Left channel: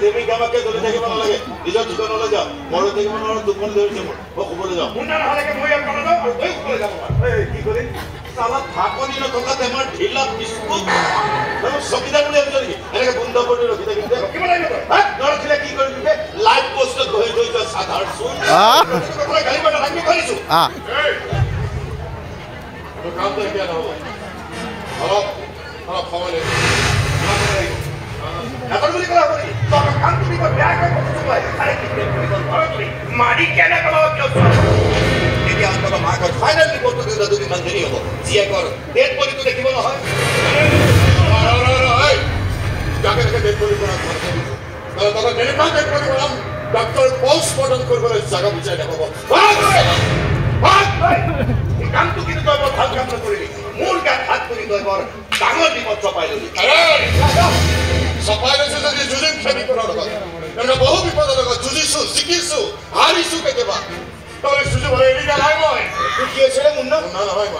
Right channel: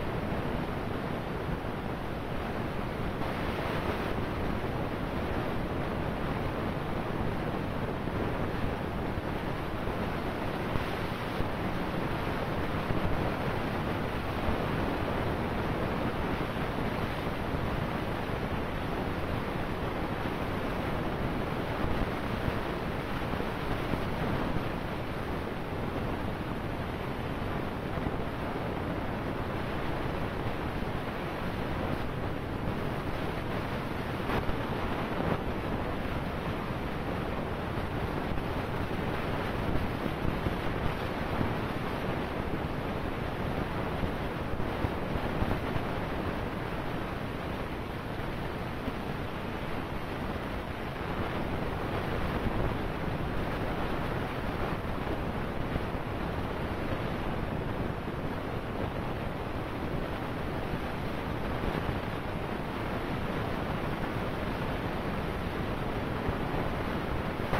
দেৱী কামাকে জ্বলি থাকিব নালাগে নিজৰ ঠিকনালৈ যাওঁ মৰো থাকিব নোৱাৰো দুখন ধৰিছে মই শুবলৈ যাওঁ কি কৰিম চালা ঢাকনি নথকা টেমাৰ ঢিলা বিস্কুট চকীদাৰ বুলি ভাবিছ নেকি এনেকে বন্ধ কৰি ৰখি থাকিম নৰখিলে কি কৰিবি লাইভ পোষ্টত বহি থৈ যোৱা সাধাৰণ চোন গাড়ী বাটা লাগি কৰিছো কামটো এতিয়া নহ'ব অলপ সময় লাগিব এখন বুলি কলা হবনি তই কাম তুমি বেয়া কাম কৰিছো মাৰি কেনে কলা কিয় এতিয়া অন্তত মাক ফাইনেল ৰিপৰ্টটো দিলে দুদিনমান দেৰি হ'ব জীয়েকৰ ডেড বডিটো দেখিব নহয় যাকে তাকে ডেড বডি কৰা তখন ডেড বডি কৰাম ডক্টৰ পোষ্টমৰ্টম কৰিবলৈ জাগা বিচাৰি নাপাব কামটো কিন্তু তই বৰ ভাল কাম নকৰিলি মোৰ গাত হাত কৰি তই বৰ ডাঙৰ বিপদ চপাই ললি চপাই লৈছে যদি যুঁজিম খেমিকৰ লগত এনেকুৱা বহু বিপদৰ লগত যুঁজিছো জিকিছো হাৰিছো কেতিয়াবা তই যুঁজিবলৈ এৰি দিয়া নাই মই কি আছিলে মুন্না নহয়